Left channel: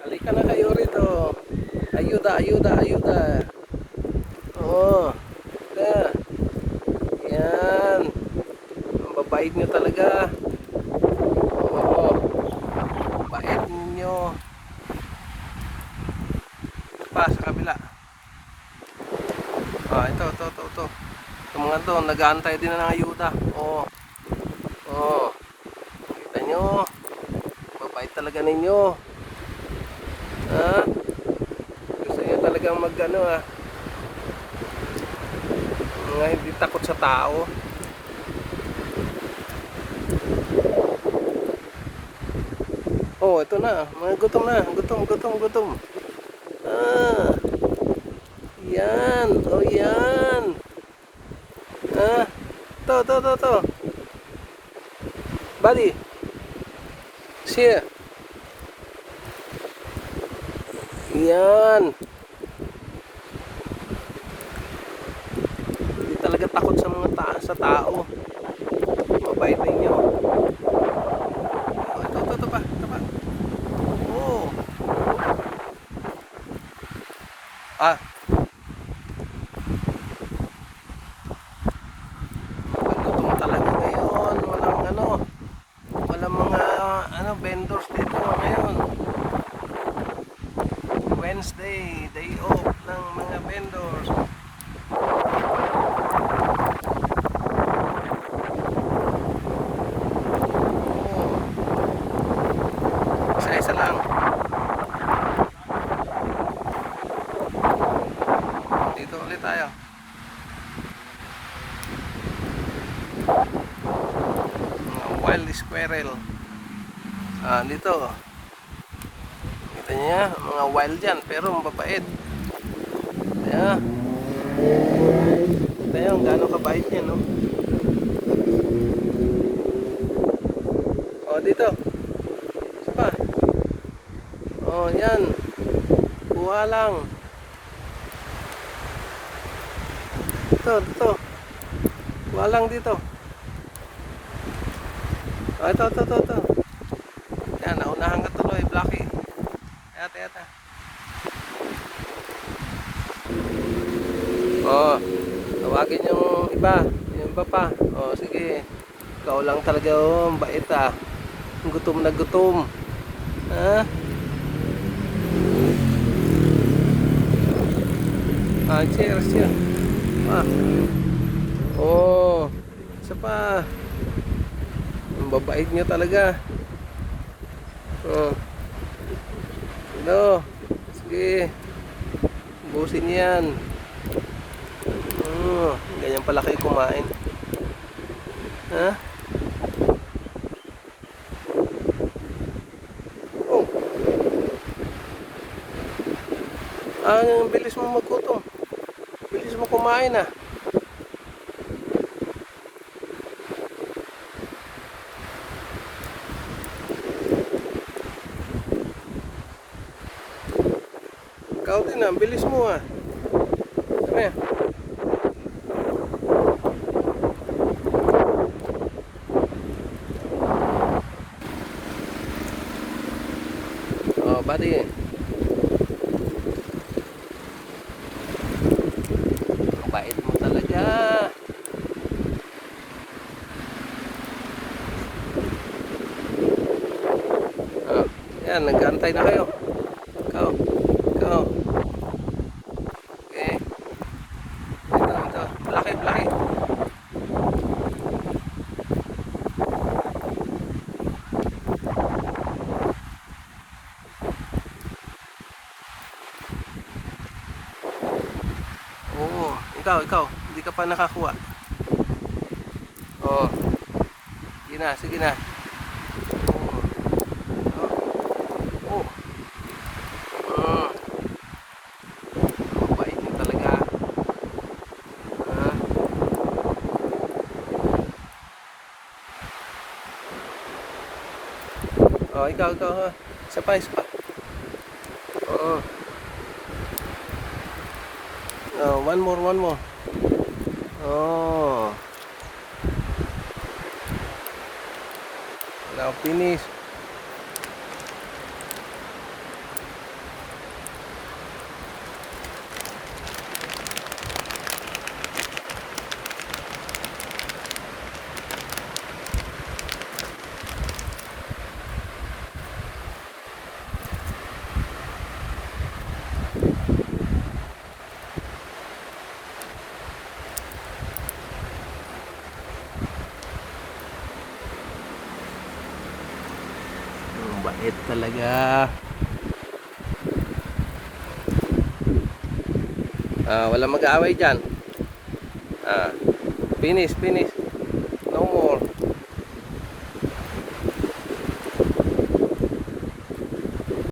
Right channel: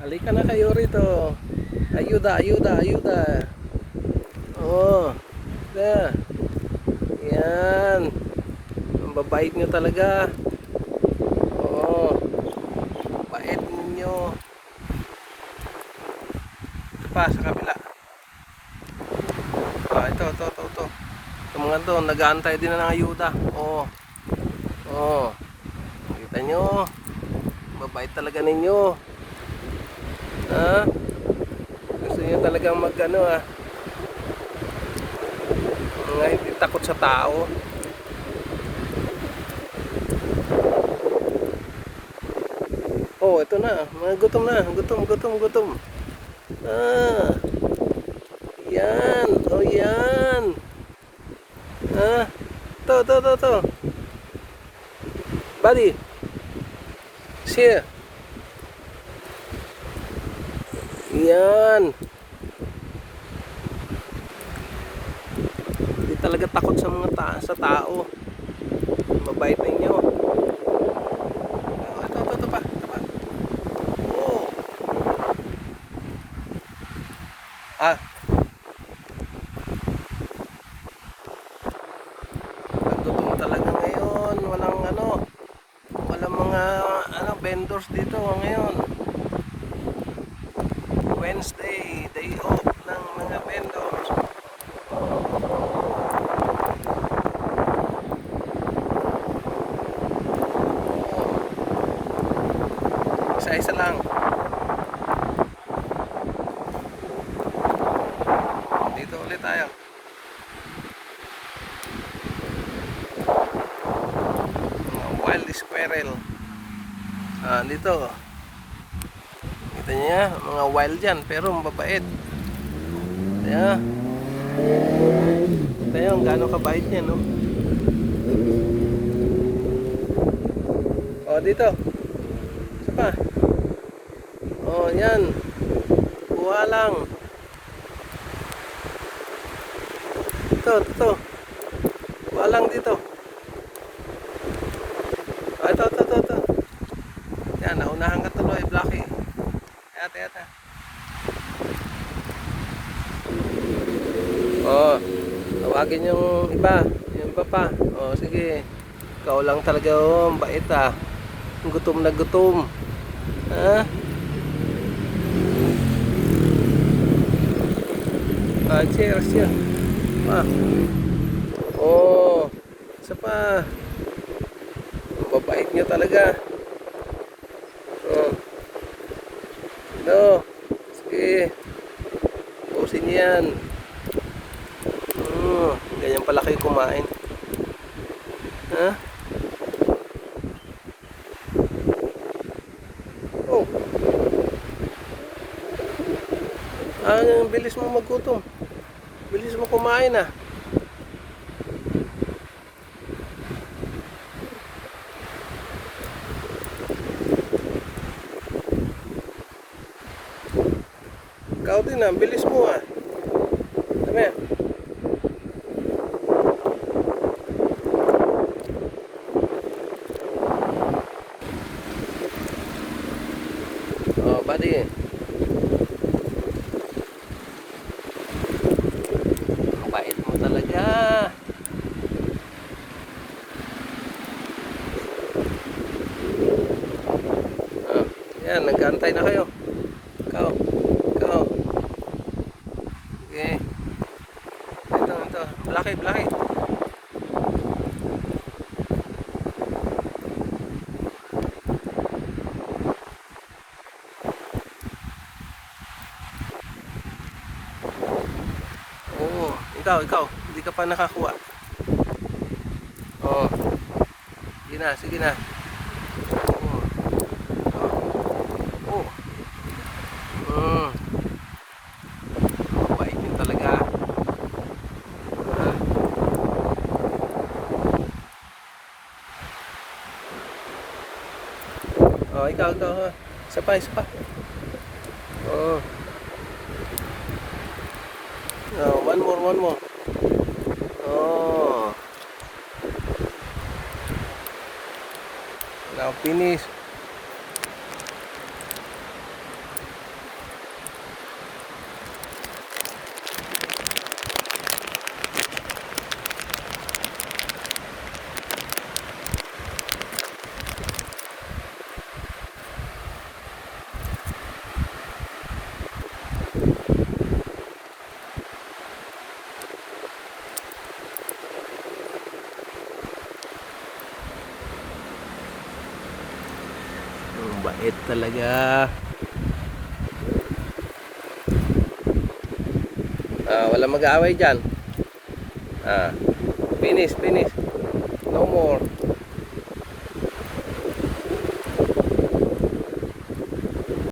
Halika na kayo rito. Ayuda, ayuda, ayuda. Oh. Na. Yan. Ang babait nyo talaga. Oh. Bait ninyo. Ito pa sa kabila. Ah, ito. Yung mga to, nag-aantay din na ng ayuda. Oh. Oh. Kita nyo. Mabait talaga ninyo. Ha? Gusto nyo talagang mag-ano mga hindi takot sa tao. Oh, ito na. Mga gutom na. Gutom. Ah. Yan. Oh, yan. Ah. To. Buddy. Here. Yan. Hindi talaga takot sa mga sa tao. Mabait ninyo. Ito pa. Oh. Ah. Gutom talaga ngayon. Walang mga vendors dito ngayon. Wednesday, day off ng mga vendors. Isa-isa lang. Dito ulit tayo. Wild squirrel. Ah, dito. Kita niya, mga wild yan, pero mababait. Ayan. Kita nyo, gaano kabait niya, no? Oh, dito. Isa pa. Oh, yan. Kuha lang. Ito. Kuha lang dito. Oh, ito. Yan, naunahan ka tuloy, Blackie. Ate. Oh, tawagin yung iba. Yung iba pa. Oh, sige. Ikaw lang talaga, oh. Bait, ah. Gutom na gutom. Ha? Ah, cheers. Ah. Oh, isa pa. Ang babait nyo talaga. Oh. No. Sige. Ubusin niyo yan. Ganyan pala kayo kumain. Ha? Oh. Ang bilis mo maggutom. Bilis mo kumain, ah. Ikaw din, ang bilis mo, ah. Ano yan? Oh, buddy. Bait mo talaga. Oh, yan, nag-aantay na kayo. Ikaw. Okay. Ito. Blackie. Oo, ikaw. Hindi ka pa nakakuha. Oh. Sige na. Oh. Bait yun talaga. Ah. Oh, ikaw. Isa pa. Oh. Oh, one more. Oh. Now finish. Bait talaga. Wala mag-aaway dyan. Finish. No more.